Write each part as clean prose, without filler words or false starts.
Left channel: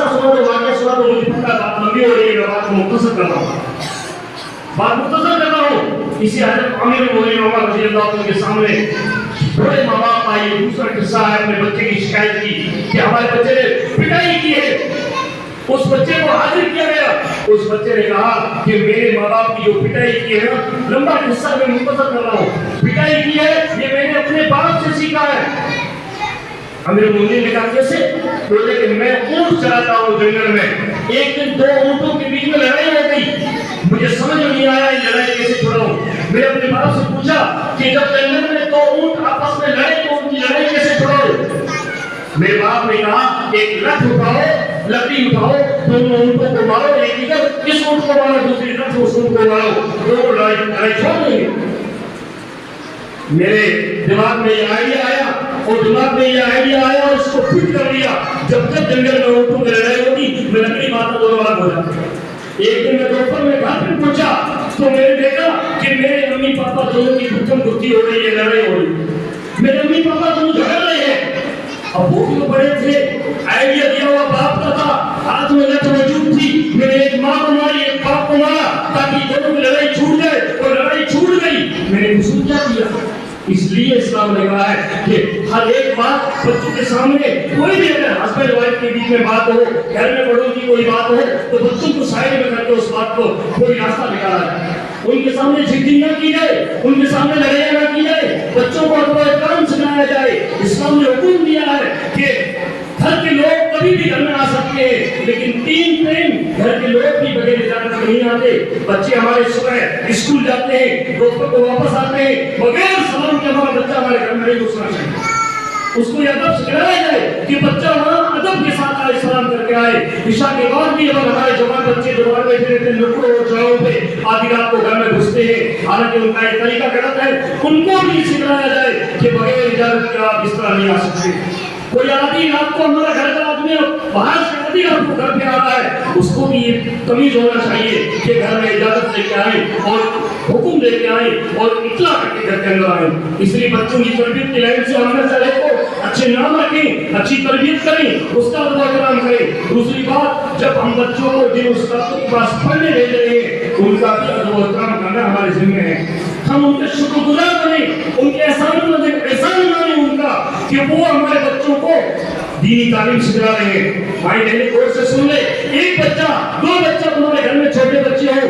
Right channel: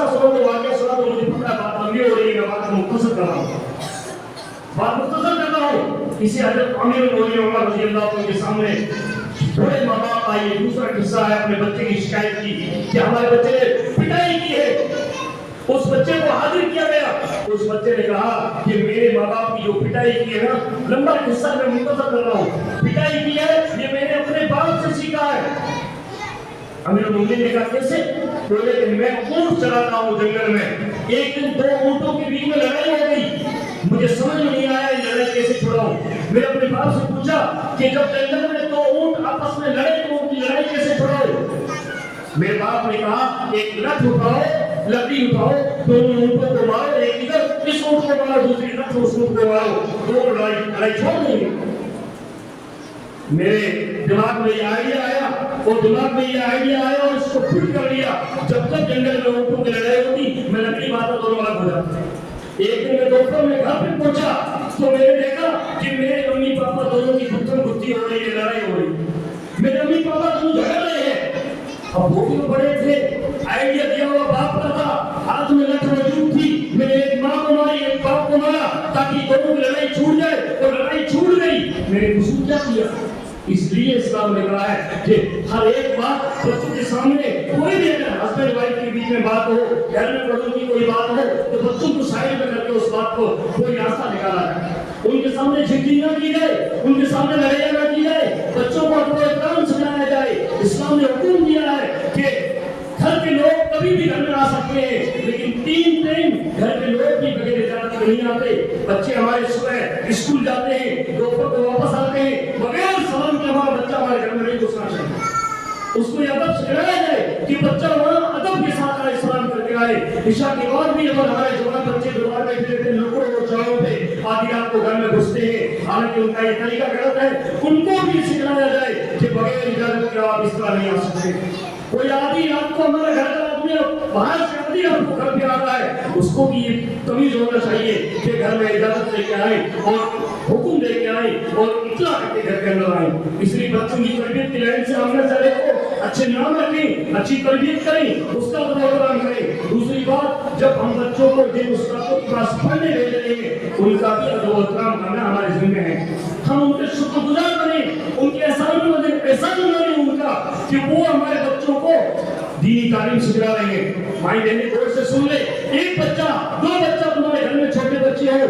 قصہ سنا تو واقعہ سنا تو مجھے پتا بات لمبی ہو رہی ہے، میں بات کو مختصر کر رہا ہوں، بات مختصر کر رہا ہوں. اسی حضرت امیر المؤمنین عمر رضی اللہ عنہ کے سامنے بڑے ماں باپ آئے. دوسرا قصہ ہے اپنے بچے کی شکایت کی کہ ہمارے بچے نے پٹائی کی ہے. اس بچے کو حاضر کیا گیا. اس بچے نے کہا کہ میرے ماں باپ کی جو پٹائی کی ہے نا، لمبا قصہ میں مختصر کر رہا ہوں، پٹائی کی ہے یہ میں نے اپنے باپ سے سیکھا ہے. امیر المؤمنین نے کہا کیسے؟ بولے کہ میں اونٹ چلاتا ہوں جنگل میں، ایک دن دو اونٹوں کے بیچ میں لڑائی ہو گئی، مجھے سمجھ میں نہیں آیا یہ لڑائی کیسے چھڑاؤں. میں نے اپنے باپ سے پوچھا کہ جب جنگل میں دو اونٹ آپس میں لڑے تو ان کی لڑائی کیسے چھڑاؤں. میرے باپ نے کہا ایک لٹھ اٹھاؤ، لکڑی اٹھاؤ، دونوں اونٹوں کو مارو، ایک ادھر اس اونٹ کو مارو، دوسری طرف اس اونٹ کو مارو، دونوں لڑائی چھوڑ دیں گے. میرے دماغ میں یہ آئیڈیا آیا اور اس کو فٹ کر لیا. جب تک جنگل میں اونٹوں کی لڑائی ہوتی میں لکڑی مارتا دونوں الگ ہو جاتے. ایک دن میں دوپہر میں گھر پہ پہنچا تو میں نے دیکھا کہ میرے امی پاپا دونوں کی گفتم گفتی ہو رہی ہے، لڑائی ہو رہی ہے. میرے امی پاپا دونوں جھگڑ رہے ہیں. ابو کو بڑے تھے، آئیڈیا دیا ہوا باپ کا تھا، ہاتھ میں لٹھ موجود تھی. میں نے ایک ماں کو ماری، ایک باپ کو مارا تاکہ دونوں کی لڑائی چھوٹ جائے، اور لڑائی چھوٹ گئی. میں نے قصور کیا کیا؟ اس لیے اسلام نے کہا ہے کہ ہر ایک بات بچوں کے سامنے، کوئی بھی اگر ہسبینڈ وائف کے بیچ میں بات ہو، گھر میں بڑوں کی کوئی بات ہو تو بچوں کو سائڈ میں کر کے اس بات کو کوئی راستہ نکالا جائے. ان کے سامنے جھگڑی نہ کی جائے، ان کے سامنے لڑائی نہ کی جائے، بچوں کو ادب و احترام سکھایا جائے. اسلام نے حکم دیا ہے کہ گھر کے لوگ کبھی بھی گھر میں آ سکتے ہیں، لیکن 3 ٹائم گھر کے لوگ بھی بغیر اجازت کے نہیں آتے. بچے ہمارے صبح اسکول جاتے ہیں، دوپہر کو واپس آتے ہیں، بغیر سلام کے ہمارا بچہ ہمارے گھر میں نہیں گھسنا چاہیے. اس کو یہ ادب سکھلایا جائے کہ بچہ وہاں ادب کے ساتھ آئے، سلام کر کے آئے. عشاء کے بعد بھی اگر ہمارے جوان بچے دوبارہ بیٹھے رہتے ہیں لوگوں اور چڑھوں پہ آدھی رات کو گھر میں گھستے ہیں، حالانکہ ان کا یہ طریقہ غلط ہے، ان کو بھی سکھلایا جائے کہ بغیر اجازت کے آپ اس طرح نہیں آ سکتے. کوئی آدھی رات کو ہمارا گھر کا آدمی باہر سے آدھی رات کو گھر پہ آ رہا ہے، اس کو بھی یہ تمیز ہونا چاہیے کہ گھر میں اجازت لے کے آئیں اور حکم لے کے آئیں اور اطلاع کر کے گھر کے اندر آئیں. اس لیے بچوں کی تربیت کی لائن سے ہم نے سارے کو اچھے نام رکھیں، اچھی تربیت کریں، استاد و احترام کریں. دوسری بات، جب ہم بچوں کو جن استادوں کے پاس پڑھنے بھیج رہے ہیں ان کا بھی ادب و احترام کرنا ہمارے ذمہ ہے. ہم ان کے شکر گزار بنیں، ان کے احسان مانیں ان کا کہ وہ ہمارے بچوں کو دینی تعلیم سکھا رہے ہیں. مائی بہنیں غور سے سن لے، ایک بچہ، 2 بچہ تمہارے گھر میں چھوٹے بچے ہو،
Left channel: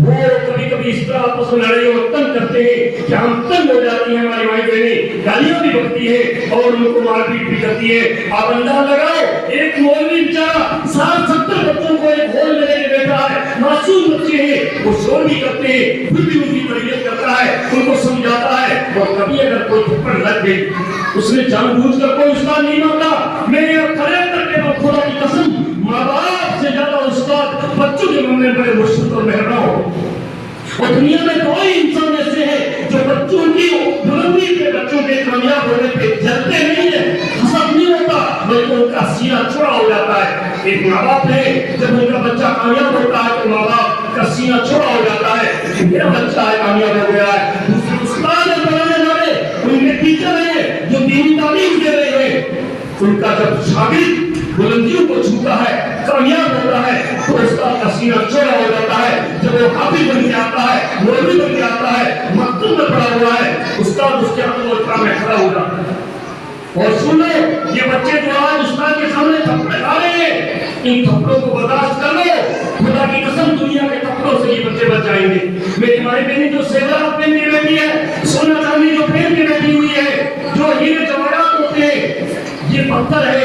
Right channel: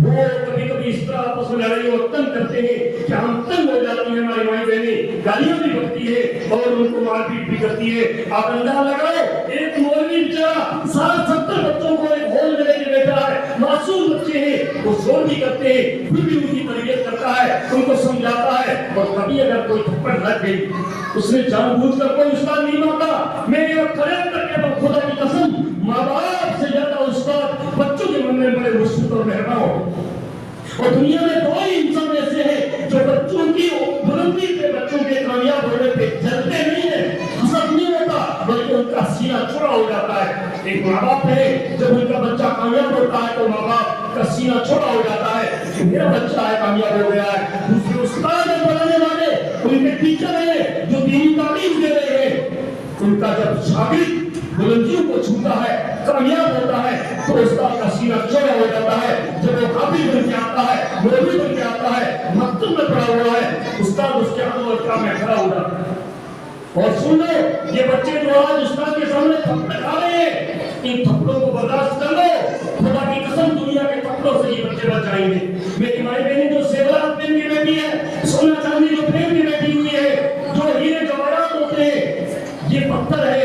وہ کبھی کبھی اس طرح آپس میں لڑائی اور تنگ کرتے ہیں کہ ہم تنگ ہو جاتی ہیں. ہماری مائی بہنیں گالیاں بھی بکتی ہیں اور ان کو مار پیٹ بھی کرتی ہے. آپ اندازہ لگاؤ، ایک مولوی بیچارہ 60-70 بچوں کو ایک ہال میں لے کے بیٹھا ہے، معصوم بچے ہیں، وہ شور بھی کرتے ہیں، پھر بھی ان کی تربیت کرتا ہے، ان کو سمجھاتا ہے. اور کبھی اگر کوئی تھپڑ لگ گئی، اس نے جان بوجھ کر کوئی استاد نہیں مانگا. میں نے کھڑے کر کے خدا کی قسم، ماں باپ سے زیادہ استاد بچوں کے مانگنے بڑے مشکل اور مہربان ہو. اور دنیا میں کوئی انسان ایسے ہیں جو بچوں کی بلندی پہ، بچوں کے کامیاب ہونے پہ جلتے نہیں ہیں، حسد نہیں ہوتا، بلکہ ان کا سینہ چوڑا ہو جاتا ہے. ایک ماں باپ ہے، جب ان کا بچہ کامیاب ہوتا ہے تو ماں باپ کا سینہ چوڑا ہو جاتا ہے، میرا بچہ ہے کامیاب ہو گیا ہے. دوسرے استاد ہیں بنانے والے، ان کے ٹیچر ہیں جو دینی تعلیم دے رہے ہیں، ان کا جب شاگرد بلندیوں کو چھوتا ہے، کامیاب ہوتا ہے، تو استاد کا سینہ چوڑا ہو جاتا ہے. جب وہ حافظ بن کے آتا ہے، مولوی بن کے آتا ہے، مکتب میں پڑھا ہوا ہے، استاد اس کے ادب و احترام میں کھڑا ہو جاتا ہے. اور سن لو، یہ بچے جو آج استاد کے سامنے تھپڑ کھا رہے ہیں، ان تھپڑوں کو برداشت کر لو. خدا کی قسم دنیا کے تھپڑوں سے یہ بچے بچ جائیں گے. میری مائی بہنیں جو زیورات پہن کے بیٹھی ہے، سونا چاندی جو پہن کے بیٹھی ہوئی ہے، جو ہیرے جواہرات ہوتے ہیں، یہ پتھر ہے،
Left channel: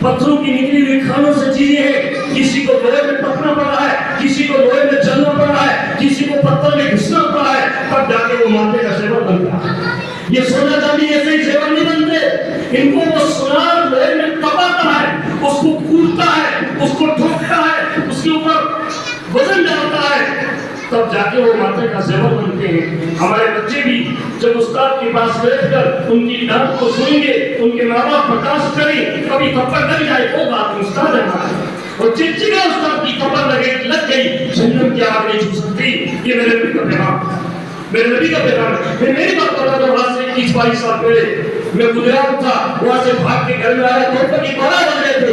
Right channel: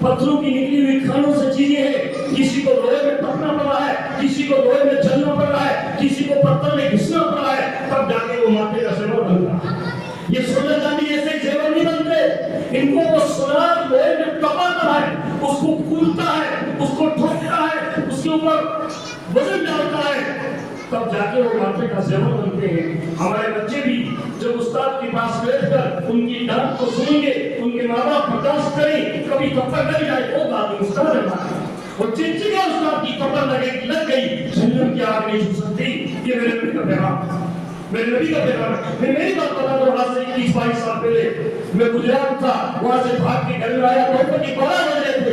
پتھروں کی نکلی ہوئی کھانوں سے چیزیں ہیں. کسی کو لوہے میں ٹپنا پڑا ہے، کسی کو لوہے میں چلنا پڑا ہے، کسی کو پتھر میں گھسنا پڑا ہے، تب جا کے وہ ماتھے کا زیور بنتا ہے. یہ سونا چاندی ایسے ہی زیور نہیں بنتے. ان کو وہ سونار لوہے میں ٹپاتا ہے، اس کو کھودتا ہے، اس کو ٹھوکتا ہے، اس کے اوپر وزن ڈالتا ہے، تب جا کے وہ ماتھے کا زیور بنتے ہیں. ہمارے بچے بھی جب استاد کے پاس بیٹھ کر ان کی ڈانٹ کو سنیں گے، ان کے ماں باپ برداشت کریں، کبھی تھپڑ لگ جائے وہ بات استاد ہے ہمارا، وہ چچگا استاد کی تھپڑ لگ گئی، جہنم کی آگ نہیں چھو سکتی. یہ میرے نبی کا پیغام، میرے نبی کا پیغام ہے. میں میری بات کر رہا ہوں، آج سے 21-22 سال پہلے میں گجرات تھا، وہاں سے بھاگ کے گھر میں آیا، تو اوپر کی بڑا بن رہے تھے،